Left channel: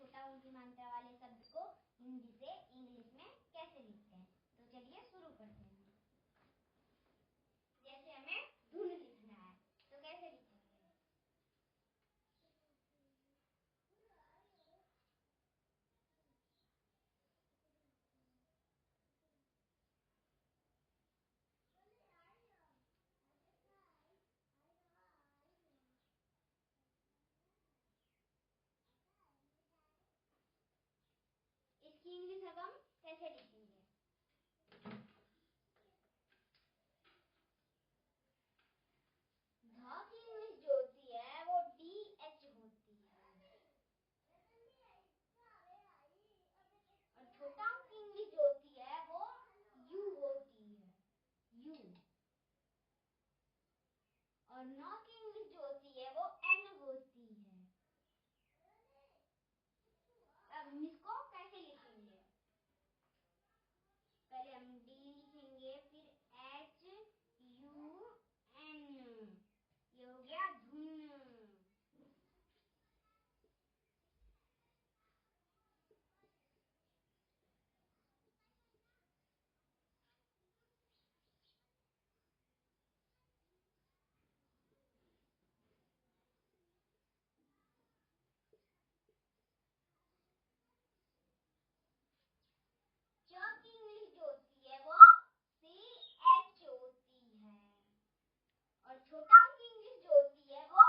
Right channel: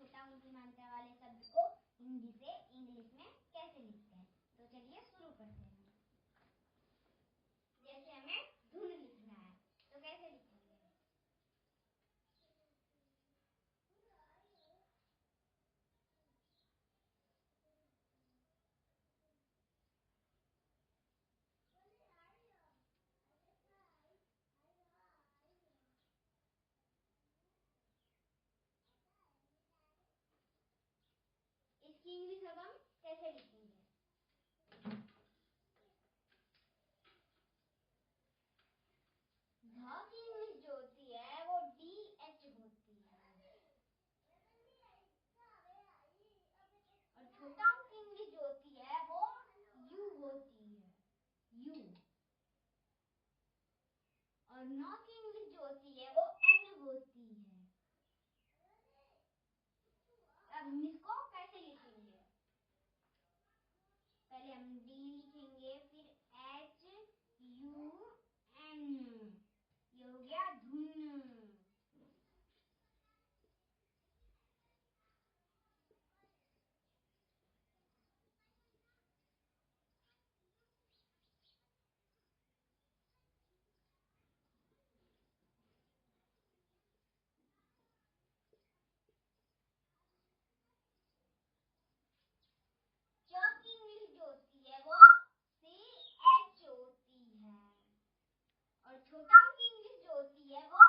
छोटा ऊंची मात्रा वाले शब्द को हिंदी से इंग्लिश में कैसे लिखते हैं। तो चलिए शुरू करते हैं। जैसे हमें धुन लिखना है तो कैसे लिखेंगे। इसकी इंग्लिश अब हम कैसे लिखेंगे। ध की इंग्लिश जो होती है वो DH होती है और छोटा ऊ की इंग्लिश जो होती है वो U होती है, U। और न की इंग्लिश जो होती है वो N होती है। अब हम इसको कैसे लिखेंगे। पहले हम D लिखेंगे, फिर HUN, ये हो गया धुन। च की इंग्लिश जो होती है वो CH होती है और छोटा ऊ की इंग्लिश जो होती है वो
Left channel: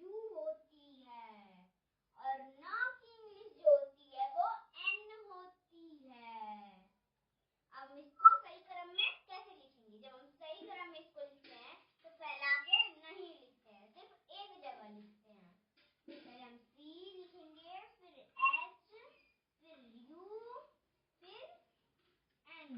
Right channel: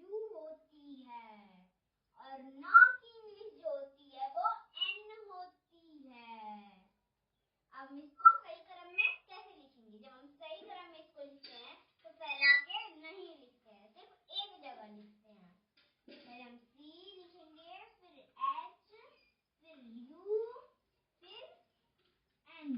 U होती है और न की इंग्लिश जो होती है वो N होती है। अब हम इसको सही क्रम में कैसे लिखेंगे। जब हम सही क्रम में इसको लिखते हैं तो फैला के नहीं लिखते हैं, सिर्फ एक जगह लिखते हैं। पहले हम C लिखेंगे, फिर H, फिर U, फिर N।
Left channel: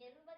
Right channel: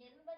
जरूर